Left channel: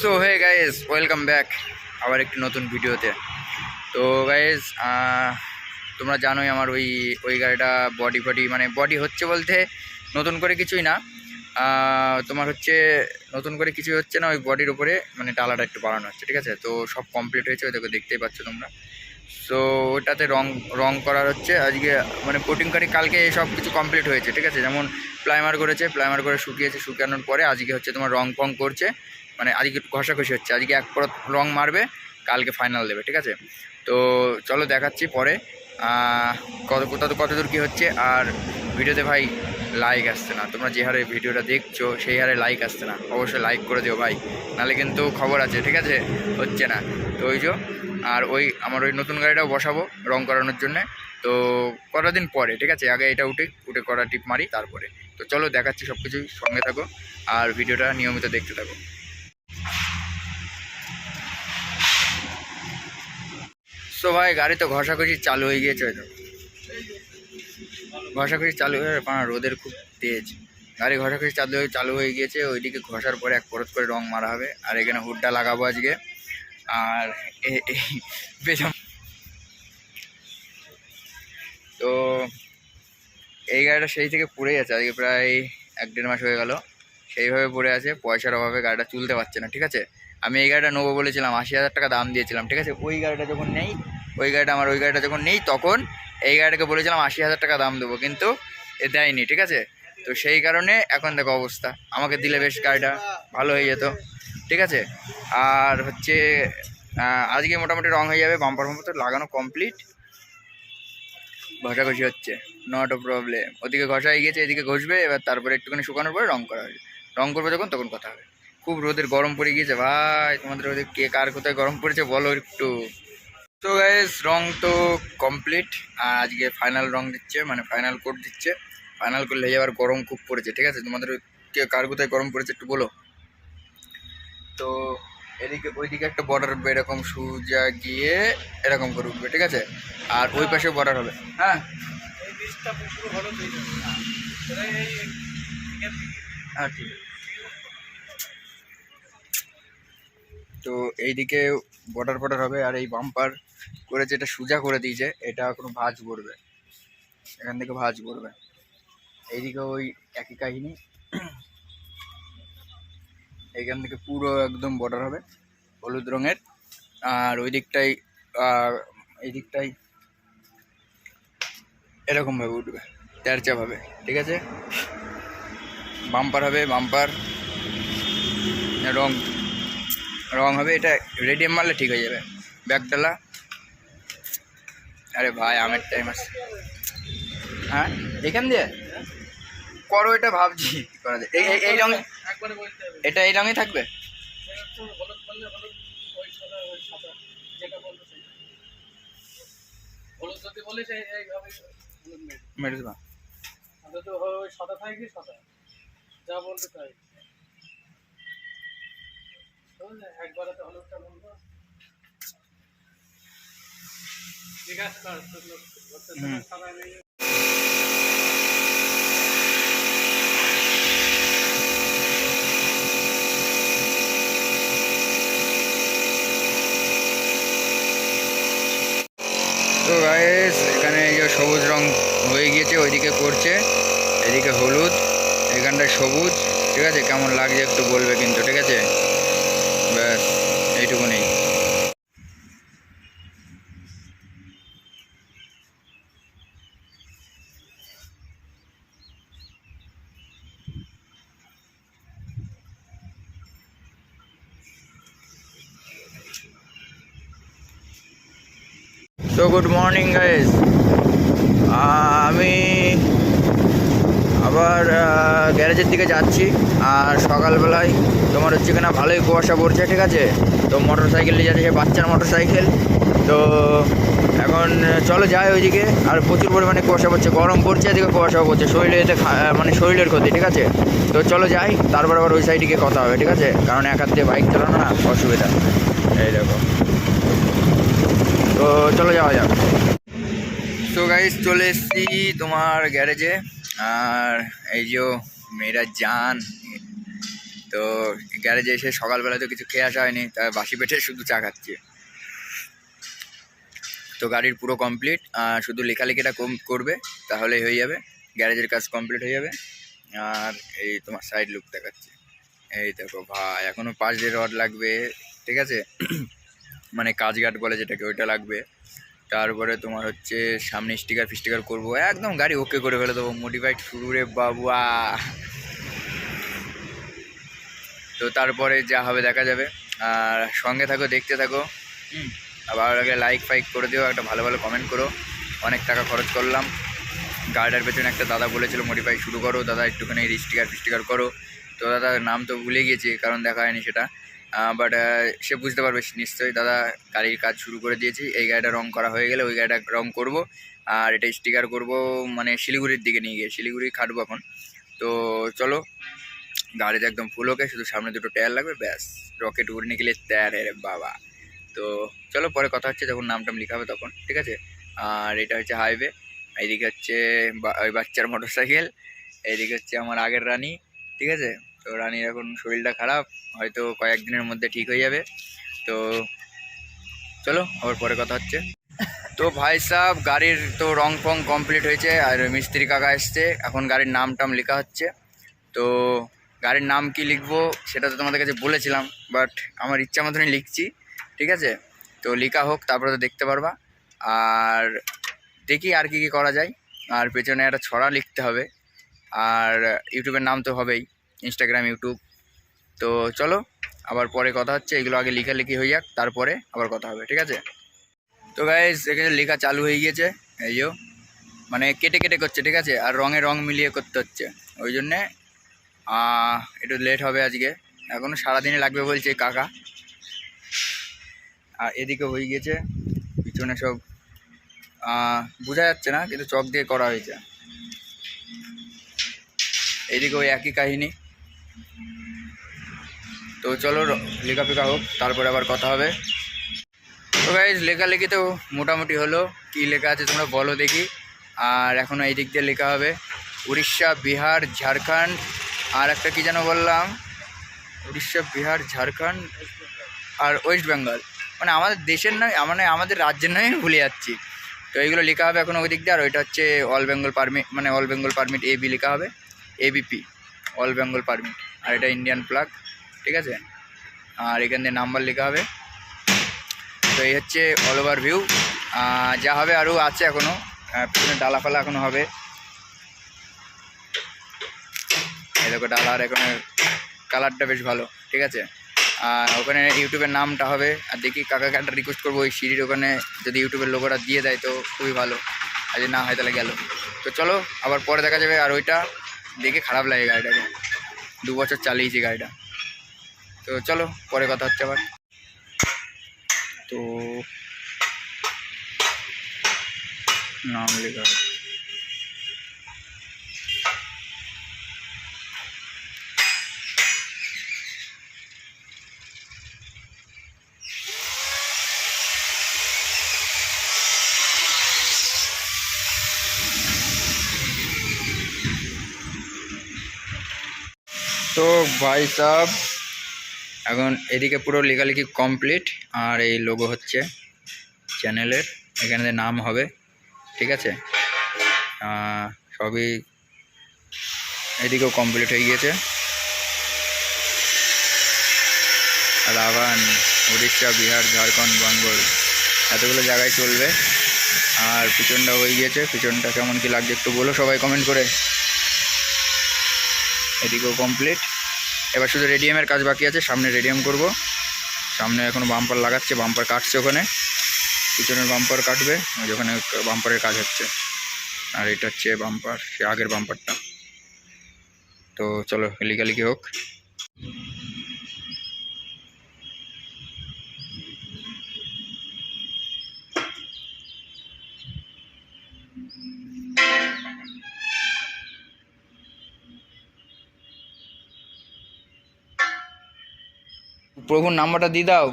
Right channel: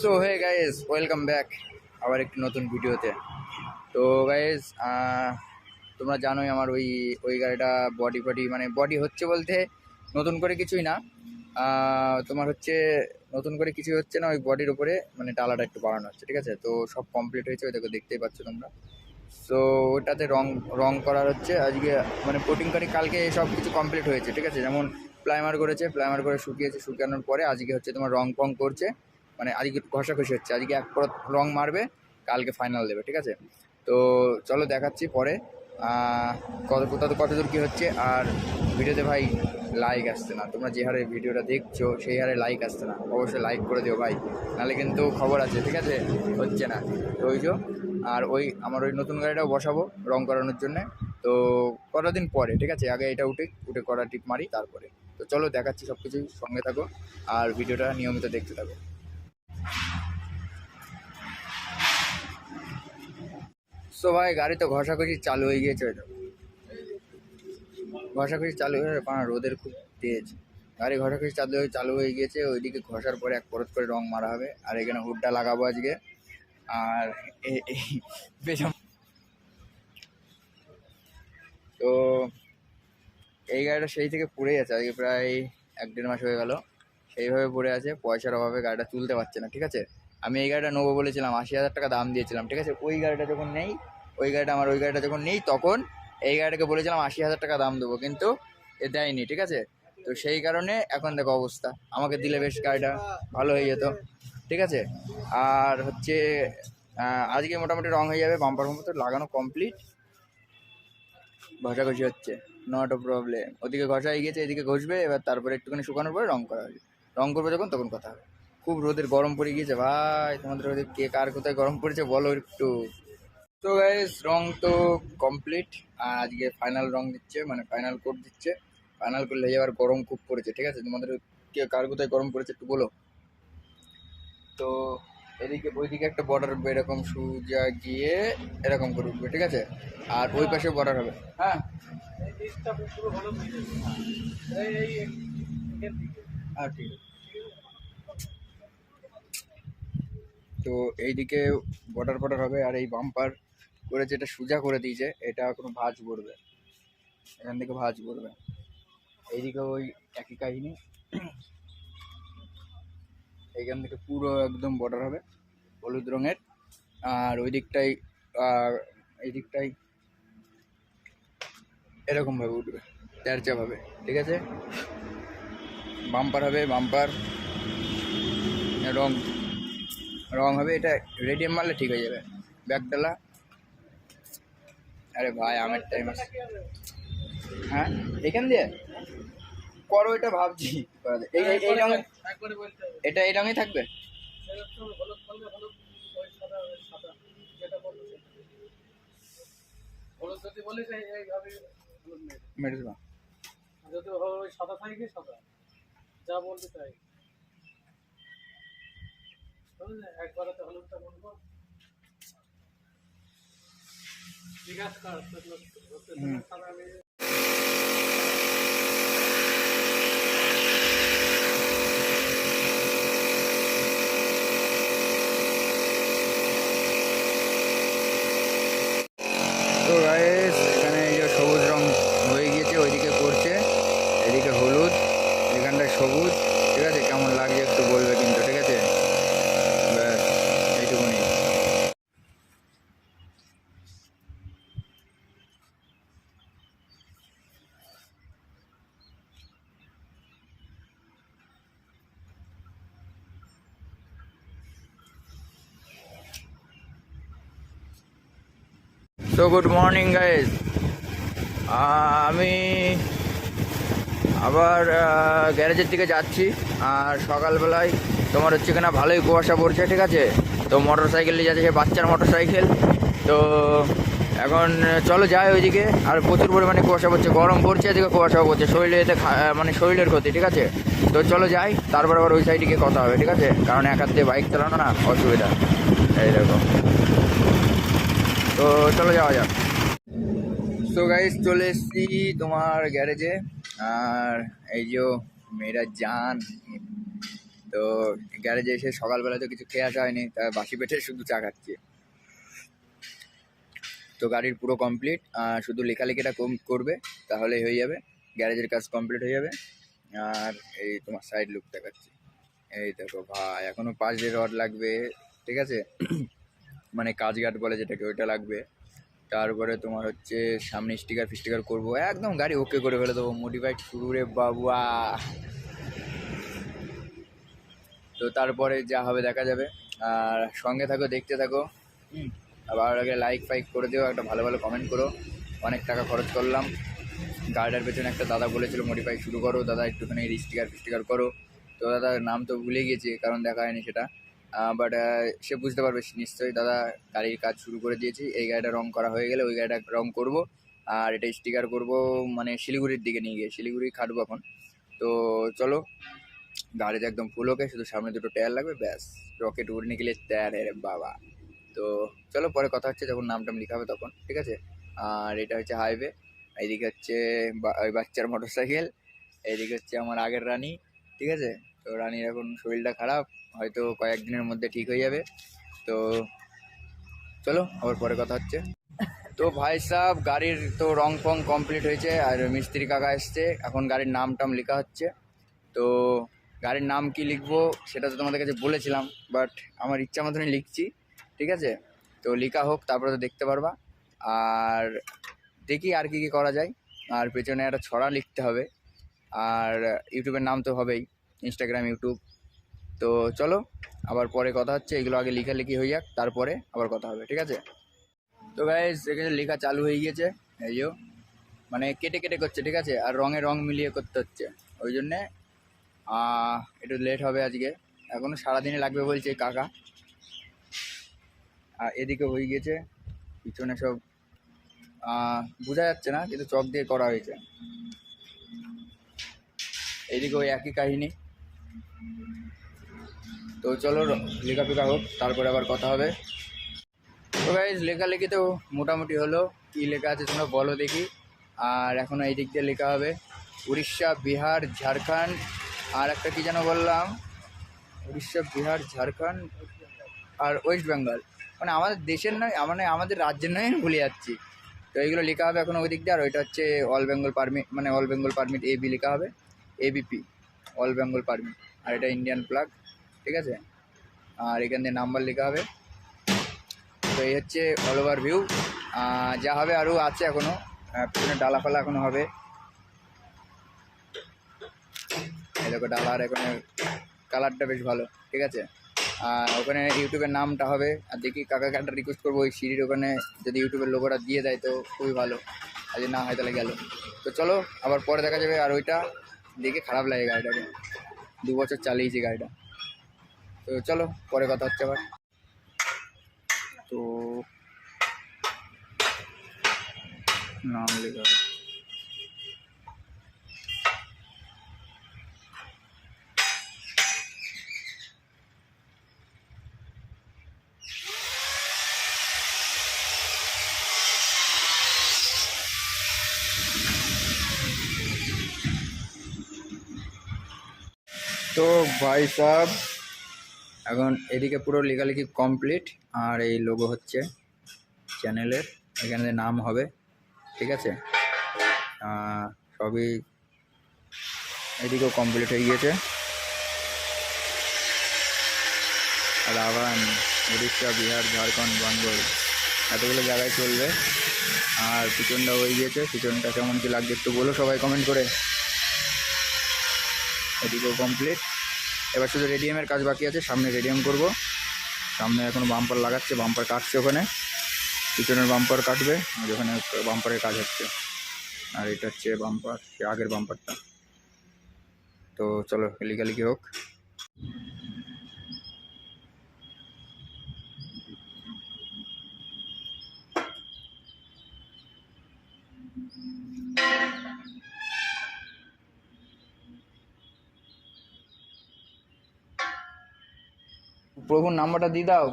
So hey guys, welcome back আবার একটি নতুন ভিডিওতে। তো গাইজ, তোমরা জানোই আমার ওই গাড়িটা বডি মানে বডি হচ্ছে বলতে নতুন করে কিছুই না। তোমার হচ্ছে নতুন করে কিছুই হচ্ছে না, ওই বডির উপরে মানে টালাটা একটু বাড়ানো হচ্ছে, ঠিক আছে। তো সব কমপ্লিট হয়েছে, ওই দেখো দেখতেই পাচ্ছ তোমরা। সো ওটাতে রং রং করার হচ্ছে আজকে, মানে কোটিং কারি কালকে সব কিছু কমপ্লিট হয়েছে, ঠিক আছে। যেমন প্লাইমার করেছে, প্লাইমার করে শুকিয়েছে, শুকানোর পরে আজকে হচ্ছে তোমার রং ফং করছে, মানে আজকে ঘষাঘষি হচ্ছে, আজকে এক পরত রং মারবে, কালকে ফাইনাল দেবে, ঠিক আছে। তো চলো দেখাচ্ছি পরে কত দূর কী হচ্ছে। আর ভিডিওতে ভাই লাইক আসছে না, তোমরা যে হারে ভিডিওটা দেখছো সেই হারে লাইক আসছে না, অবশ্যই লাইক করে দিও ভাই, নাহলে কিন্তু খবর আছে, ঠিক আছে, হচ্ছে না। তো ওই যে, আর আমার ওই নতুন গাড়িটাও বসাবো রং করানোর জন্যে, তো কটা দিন পরে, ঠিক আছে। আগে এটা উঠে করা টিপ মারি তারপরে। তো চলো দেখাচ্ছি সব কিছুই, সঙ্গে থাকো আর ভিডিওটা নিয়মিত দেখতে থাকো। তো ভাই গাড়ি তো ঘষাঘষি চালু হয়ে গিয়েছে, হয়তো ঘষাঘষি চালু হয়ে রোদের খুব তেজ, গাড়ি ঘষাঘষি চালু হয়ে গিয়েছে। ওইদিকে ঘষার পরে এক পরত করে রং মারা হবে, আর এখানে হুডটা লাগাবো আজকে। আর পেছন তো এই গাড়িটা সেই থেকে পড়েই আছে, আজকে প্রায় 1-1.5 মাস হয়ে গেল সেইভাবে পড়ে আছে, পয়সার অভাবে গাড়িটা তুলতে পারছে না, ঠিক আছে। আমি এই গাড়িটা নেবো বলেছিলাম, 80,000 টাকা দাম দিয়েছিলাম, ঠিক আছে। ওই গাড়িটা যখন নেই তখন এই গাড়িটাকে বলেছিলাম 80,000 টাকা দাম দেবো, কিন্তু এ দেয়নি, ঠিক আছে। তো সেই কারণে এখন দেখো অবস্থা, আমাকে দিলে বেশ গাড়িটা ভালো হয়ে যেত, ঠিক আছে। আর হচ্ছে আজকে মোটামুটি রং হয়ে যাবে, বাম্পার ফাম্পার তো লাগানো কমপ্লিট, ঘষাঘষি হচ্ছে, নট আ প্রবলেম। ওদিকে ঘষা হয়ে গেছে, এদিকে ঘষবে, এবার তারপরে একটুখানি শুকানোর পরে রং করা হবে। রং করবে যখন তখন কথা হবে। খুব রোদের গরম পড়ে গিয়েছে ভাই, তোমাদের ওদের কে কার কোথায় গরম পড়েছে বলো একটু। তো গাইস রং তো কমপ্লিট, আর আজকে ফাইনাল রং দিচ্ছে, মানে ফাইনাল কোট দিচ্ছে। ফাইনাল করলে এবার গরম খুব পড়েছে, ঠিক আছে। তোমাদের কে কার কোথায় গরম পড়েছে একটু বলো। তো ওইদিকে একটা বর্ডার হবে, এরকম সোজা গিয়ে এরকম করে উঠবে, ঠিক আছে। আর ওই পাশে বর্ডার হবে। হ্যাঁ হ্যাঁ ঠিক আছে। তো এইদিকে বর্ডার হবে, আর এই বাম্পার করে যেটা সোজা করে দিয়েছে, এটা কোনো ভাঁজ পড়বে, এখান থেকে ভাঁজ পড়বে। এইদিকে ওই একই কাহিনী, এইখান থেকে পুরো একদম বর্ডার হবে হলুদ রঙের। আর ওই দিকটাই এই দিকটাই এরকমভাবে উঠবে, তেরচাভাবে, ঠিক আছে। বাম্পার হবে, বাম্পার রং রং হবে, এটা রেডিয়াম মারলে ঠিক হয়ে যাবে। ব্যাগডালা, আরে ভাই আমের টাইম আছে। হ্যাঁ এখান দিয়ে করো, এটা ভাবছি কি করা যায়। এই রঙে, এটা এই রঙে থাকবে। মেরে দেবা যদি ওই সাদা থাকে, সাদা যা বলতে চাই একবারে তো হলুদটা বলবো, ঠিক আছে। তো গাইস এখানে এই যে সবুজ রং হয়ে গিয়েছে, ওইদিকে করছে, এদিকে হলুদ, এখানটায় সবুজ, ঠিক আছে। কেমন লাগছে একটু বলবে কিন্তু, ঠিক আছে। ব্যাস এইটুকুনি। তো গুড মর্নিং গাইস, আমি আবার গ্যারেজের দিকে যাচ্ছি। আর সকালবেলায় তোমার হচ্ছে কিনা ভালোই কুয়াশা পড়ছে, ঠিক আছে। তো মোটর সাইকেল নিয়ে যাচ্ছে, সে বাচ্চার মোটর সাইকেল। তো এখন চলো যাই ওইদিকে। আর প্রচুর পরিমাণে কুয়াশা পড়ছে, গরম পড়ছে, এদিকে কুয়াশাও পড়ছে, শরীরে এতে মানে শরীরের ক্ষতি, ঠিক আছে। তো চলো যাই, তারপর আবার ওই সাইডে গিয়ে কথা হবে, ঠিক আছে। কারণ এক হাত দিয়ে বাইক চালানো না অসুবিধা, এই দেখো। তো চলো যাওয়া যাক। তো গাইস চলে এসেছি তোমার গ্যারেজে। আর এই যে মেয়েরা জান, তো গ্যারেজে এসে সকালবেলা তো কিছু খেয়ে আসা হয়নি, তাই বাসি পেটে শুধু চা খাচ্ছি। তো গাড়ির পুরো কমপ্লিট, শুধু লেখালেখিটা করবে তাহলেই হয়ে যাবে, গ্যারেজের কাজ কমপ্লিট হয়ে যাবে। আর এই তোমার সাইড লুক দেখাচ্ছি, এই দেখো ভাই, এখনও 5 রড লাগবে, ঠিক আছে? মানে কাজগাট বলে যেটাকে, ওইটা লাগবে। তারপরে তোমার হচ্ছে সামনে স্টিকার ফিস্টিকার করবো, একদম গাড়ি ওকে করে ফেলে দেবো, মডিফাইড শুরু রে বাবুয়া। তো তারপরে যা হবে দেখা যাবে, আর সঙ্গে থাকো, দেখতে থাকো। আর ভালো লাগলে লাইক ফাইক করে দিও, একটা ভালো ভালো কমেন্ট করো। অনেক টাকা খরচ করলাম গাড়িটার পেছনে। একটা দাদা বলেছিল মডিফাই শুরু করো দাদা, একটুখানি স্টিকার ফিস্টিকার করো। তো দাদা নাম তো ভুলে গিয়েছি, কারণ দেখা হয়নি সেটা, বাট সে বুঝতে পারবে নিশ্চয়ই। দাদা গাড়ির কাজ শুরু করে দিয়েছি, এই গাড়িটা রং করা হয়ে গেলে ওই গাড়িটা রং করব, আর এটা স্টিকার করব মানে শিলিগুড়ির দিকে নিয়ে গিয়ে, শিলিগুড়ি খাটবো এখন। তো চলো, গাড়িতে একদম ফুল ওকে, শুধু সামনে দুটো টায়ার লাগবে, ব্যাস রকেট উড়ে নিকলে তৈয়ার রে বাবা। তো চলো পরে কথা হচ্ছে, যখন নাম টাম লেখা হবে তখন, ঠিক আছে? আর এটা হচ্ছে হাইওয়ে, এইদিকে হচ্ছে ওই বাচ্চার মোটর সাইকেল, এইদিকে হচ্ছে আমার আগের রানী, ঠিক আছে? তো রানীর এখন শরীরটা খারাপ, হয়তো কয়েকদিনের মধ্যে ঠিক হয়ে যাবে। তো চলো আবার পরে কথা হচ্ছে। তো ভাই সাহেব, গাড়ির তো রং ফং কমপ্লিট হয়েছে, আর মিস্ত্রি কাকা এসছে, এখন গাড়ির নাম টাম লেখা হচ্ছে। তো গাড়ির নাম কি লিখবো সেটা তো তোমাদের কাছে বলেছিলাম, বাট আমার ইচ্ছা মতনই লিখছি, ঠিক আছে? তো লেখা হোক, তারপরে তো দেখতে পারবা। আর দেখি আর কি করা যায়। আর পেছনে একটা ছড়া লিখতে হবে, আর ইউটিউবের নাম তো হবেই, ইনস্টাগ্রাম ইউটিউব। তো চলো আবার পরে কথা হচ্ছে, এগুলো আগে লেখালেখি হয়ে যাক, তারপরে আবার কথা হবে, ঠিক আছে? তো গাইজ এখানে লেখা চালু হয়ে গিয়েছে, এই যে মানে কেটে কেটে করছে, ঠিক আছে? আর রঙে রং মিলিয়ে করতে হচ্ছে, ওই জন্যে একটু লেট হবে আজকে, এখনও সারাদিনে লাগবে বলছে কাকা। আর এদিকে হয়ে গিয়েছে, পিছনে সব বোঝা যাচ্ছে না, কিন্তু চক দিয়ে করা হয়েছে। এইদিকে ওই একই কাহিনী। তো চলো লেখাপেখা হোক, তারপরে আবার কথা হবে। তো গাইজ লেখালেখি তো মোটামুটি হলো, কী লেখা আছে তোমরা বলো দেখি। আর এখনও এই দিক দিয়ে লেখা হবে উড়িষ্যা, বিহার, ঝাড়খণ্ড, আর একটা কী যেন বললাম, উড়িষ্যা, বিহার, ঝাড়খণ্ড আর ওয়েস্ট বেঙ্গল, মানে আমাদের দেশের নয়, মানে আমাদের রাজ্যের নয়, ভুলে যাচ্ছি। তো এইগুলো লেখা হবে এখন ওই দিক দিয়ে। আর ওইটা হচ্ছে অল বেঙ্গল পারমিট, মানে অল বেঙ্গল পারমিট এবি লেখা হবে, এবিপি অল বেঙ্গল পারমিট। আর এটা ইন্ডিয়ান প্লাগ, ঠিক আছে? আর এখান দিয়ে নাম্বার লেখা হবে। তো এই হচ্ছে অল ওভার ভিউ, যা হবে আরও আছে এখনও, পিছনে ডালাফালা এখনও হবে, এই দেখো ডালা, আর এখানে কালারটা বেশ ভালো, ঠিক আছে? আর ওখানে ইউটিউবের নামটা হবে। আর দেখি কাকাকে একটা রিকোয়েস্ট করবো, ওই সিঁড়ির ওখানে যদি ইউটিউবের লোগোটা দিয়ে দেয় তো খুবই ভালো, আর যদি না হয় তাহলে গেল। তো চলো আবার পরে দেখা যাবে। আর ওইটা দেখে খারাপ লাগে গাড়িটাকে, 2 বছর চালিয়েছি গাড়িটা। তো চলো পরে কথা হচ্ছে আবার। তো নাম লেখা হবে, তো ভাই সাহেব এখন এদিকে পুরো লেখালেখি কমপ্লিট, আর এই লোগো হচ্ছে চ্যানেলের, এখানে নাম হবে, ঠিক আছে? সবই এদিকেও কমপ্লিট হয়ে গিয়েছে। রাভান, উড়িষ্যা, বিহার, ঝাড়খণ্ড, বেঙ্গল, এতগুলো জায়গায় চলবে। আর পিছনটা হয়ে গিয়েছে, পিছনটা কেমন কি লাগছে একটু বলো সবাই কমেন্ট করে। এদিকেও কমপ্লিট, এবার শুধু রেডিয়ামের কাজ বাকি আছে, সামনে রেডিয়াম করব। সামনে এখনও বাম্পার লাগাচ্ছে, বাম্পার কাটছে ওখানে, পিছনের বাম্পার কাটবে ওখানে, বাম্পারের কাজ হচ্ছে। আর এটা হচ্ছে বাম্পার, সে আগের বাম্পারটা। তো চলো লেখালেখি হোক। প্রভুর নাম্বারটা দিয়ে দাও।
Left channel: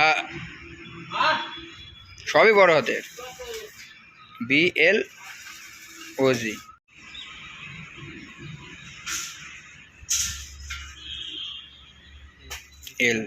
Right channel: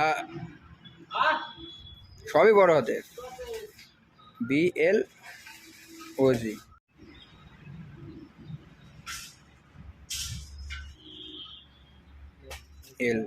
হ্যাঁ সবই বড় হাতের। BLOG। L।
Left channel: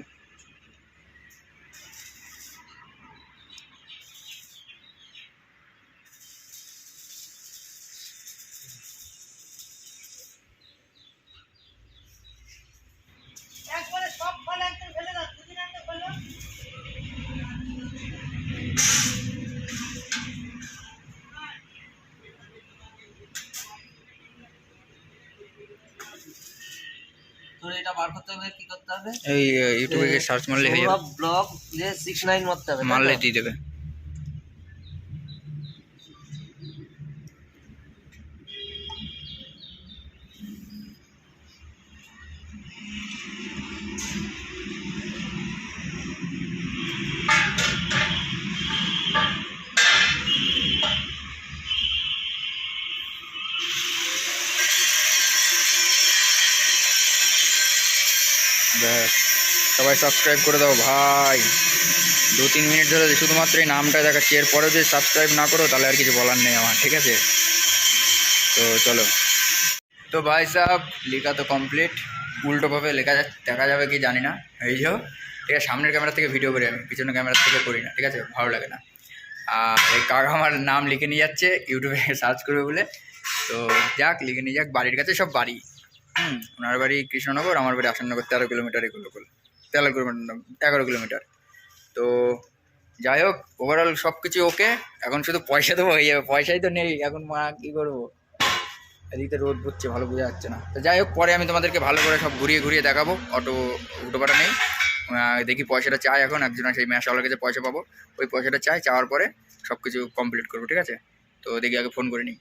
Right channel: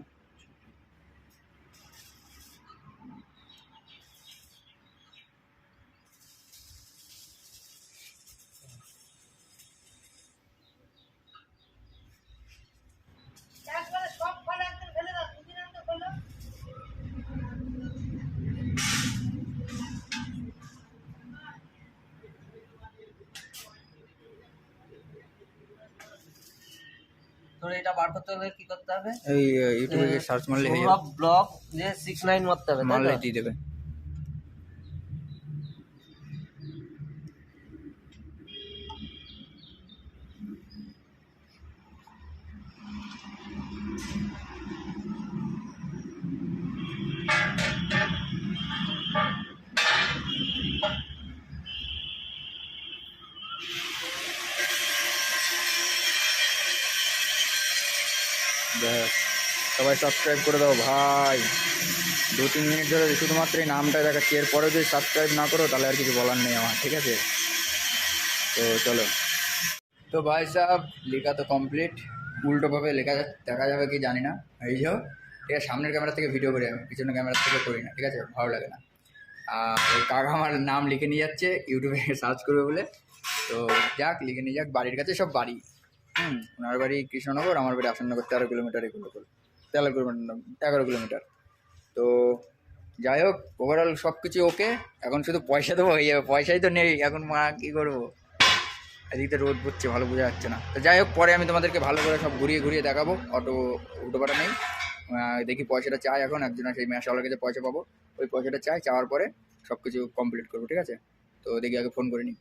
তোর এটা বার করতে হলে কি করতে হবে? এই ইউটিউবে গিয়ে সার্চ মারলে হয়ে যাবে, ব্লগ যে 69 মারতে হবে, মারলে দিয়ে দেবে। ব্যাস, সবাই সাবস্ক্রাইব করে দাও ভাই। 2-3 মিনিট ধরে শুধুমাত্র এই নামটা দেখাচ্ছি, এরপরেও যদি সাবস্ক্রাইব না করো তাহলে আর কিছু বলার নেই আমার, ঠিক আছে? তো চলো। তো ভাই সাহেব লেখা তো কমপ্লিট, উল্টোভাবে লেখা দেখা যাবে কি জানি না, এই যাও। ঠিক আছে, সামনের ক্যামেরা থেকে ভিডিও করি আমি, পিছনের ক্যামেরা থেকে করি না, ঠিক আছে? ভালো লাগে না। আর এই কাকা আমার নাম লিখে নিয়ে যাচ্ছে ইউটিউবে সার্চ করবে বলে, তো যাক লিখে নিয়ে যাক। বাড়ির কাছে সব বাড়ি, ওনার বাড়ি কৃষ্ণনগর, আমার বাড়ি আসননগর, 13 কিলোমিটার, 11 কিলোমিটার। তো যাই হোক, ওভারঅল সব কিছু ওকে। এখন শুধু পয়সা দেবো, হয়ে যাবে। পয়সাই তো নেই এখন, মা কী করবো? এদিকে রোদ পড়ছে, ভালো বোঝা যাচ্ছে না। তো যাই হোক, পরে আমি তোমাদেরকে ভালো করে সব ঘুরিয়ে ঘুরিয়ে দেখাবো। উল্টোপাটা নেই। দেখি পয়সাটা চাই এখন, একজনের সেই ম্যাশওয়ালার কাছে পয়সা পাবো, ওই পয়সাটা চাওয়ার পরে সব কিছু কমপ্লিট করবো, ঠিক আছে? তো দেখি আগে ফোন করে নিই।